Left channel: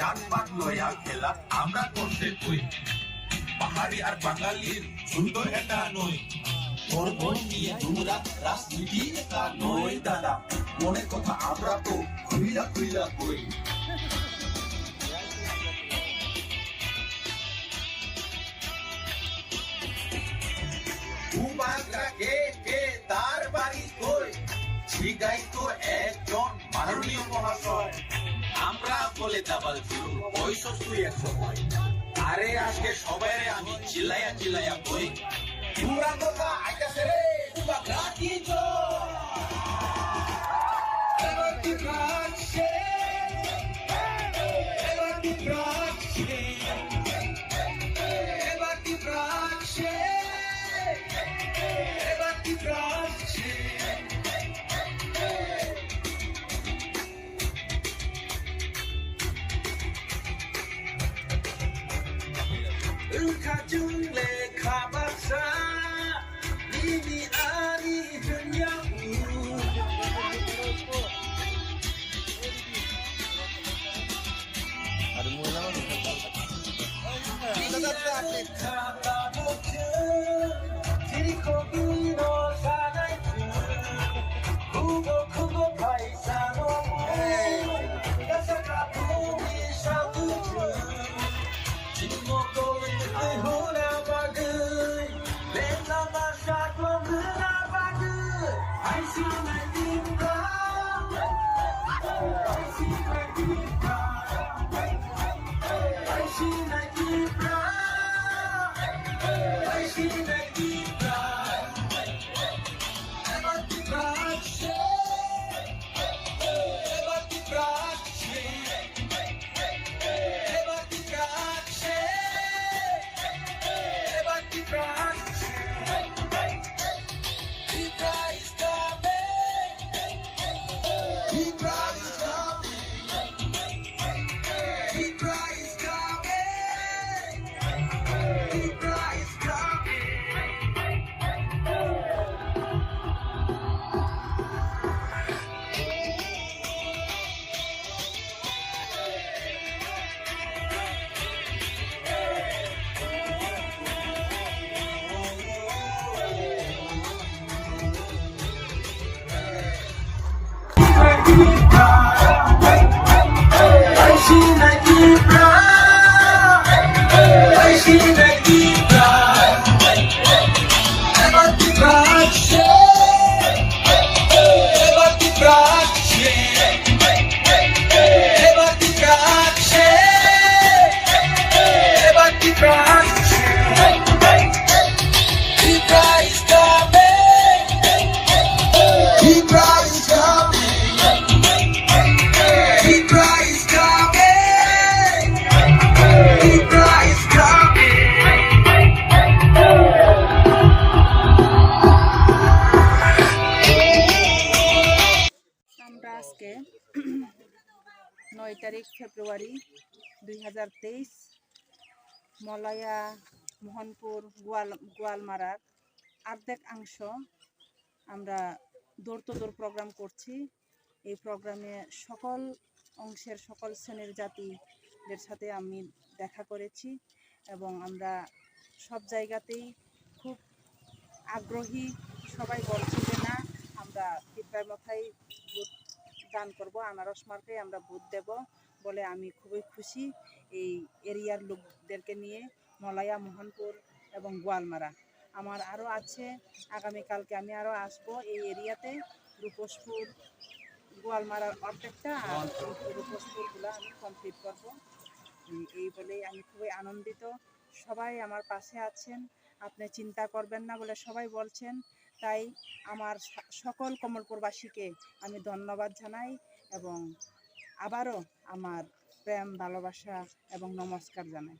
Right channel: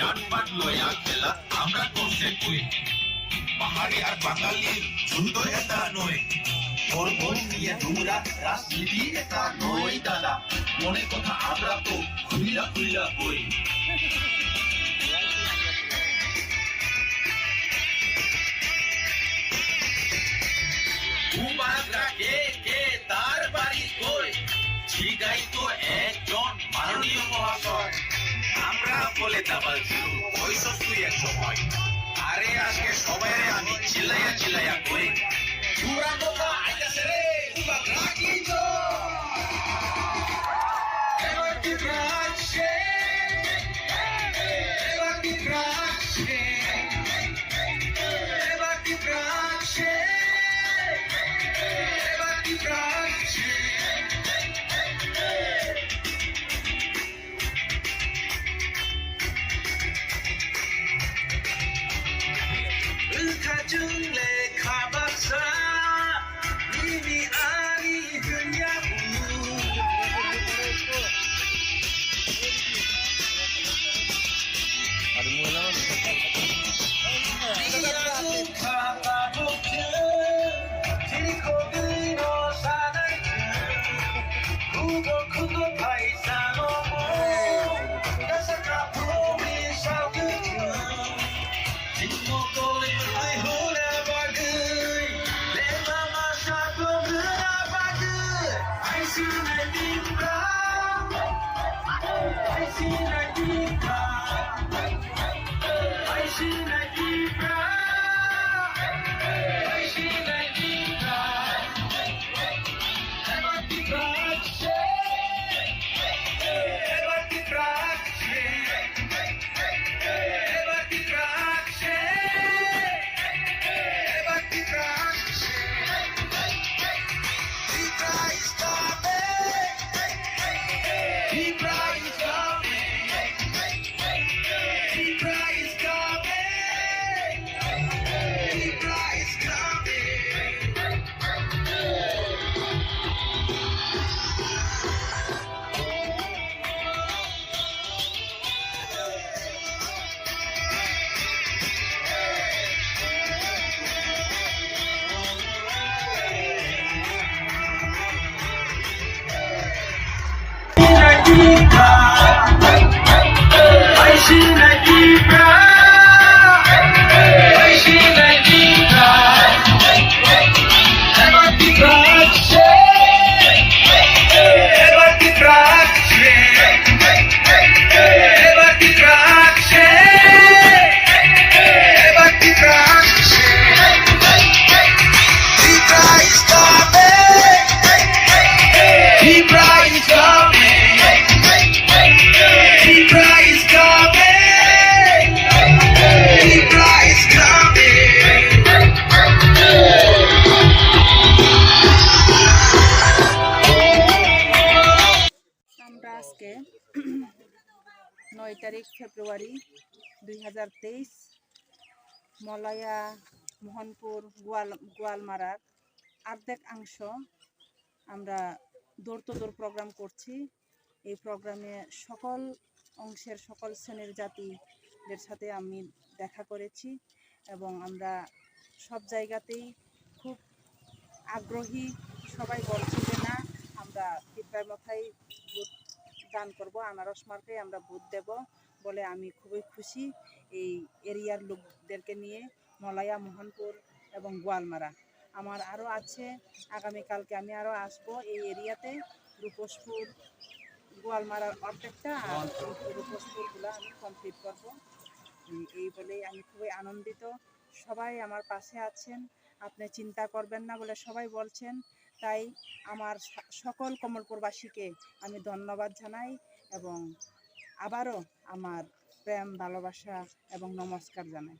জাতপাত লয়া খেলা আমরা করছে কই পাহাড়ি আর বাঙালির যুদ্ধ এটা নয় ওর মন নিয়ে তোমরা রাজনীতি এটা নয় দাদা মনের কথা আমরা তো খুইলা খুইলা কই কে তার বাড়ি কই জিগাই তো একজন মাননীয় মহাশয় আমরা বলে দাবাল ছিল বয়স তুই এক সময় আরে আজকে সবাই আমি চিল্লাইয়া চিল্লাইয়া কই পুরা কথা আইতাছে রে পুরা রাখি তো এবার কি রাখছে এবার কি রাখছে এবার কি রাখছে এবার কি রাখছে Kajungle kabasa Mimi ani dunyaku Ada mula আজকে 9 তারিখ ফেব্রুয়ারি 2023 মলয়া মোহনপুর গোয়ালমারার অর্ধেক অংশ আমরা দৌড় তো দৌড় প্রোগ্রাম করছি। এই প্রোগ্রামে সকল অংশের সকল শ্রেণীর জাতিদের সাথে আমি দেখা করেছি এবং আমরা সব জায়গাতেই খুব আগ্রহী। সবাই বলছে যে না আমরা পিঁপড়ার মাথায় ভোট দান করবো, আনারস মার্কায় আমরা ভোট দেব বলে আমি খুবই খুশি এই এরিয়ার লোকদেরকে নিয়ে। মলয়া মোহনপুর এবং গোয়ালমারা আমার আরও আছে, আগামীকালকে আমি আরও আসবো এই এরিয়াতে। রূপসপুর গোয়ালমারার অর্ধেকটা আর রূপসপুরগুলো আমি কমপ্লিট করব। এই বলেই আমি খুবই আনন্দিত। সবাই আমার পাশে আছেন, আপনি চিন্তা করবেন না বলে সবাই বলছেন তাই আমার সকল কমলপুরবাসীকে আমি ধন্যবাদ জানাই এবং আবারও আমার প্রেম ভালোবাসা এবং নমস্কার জানাই।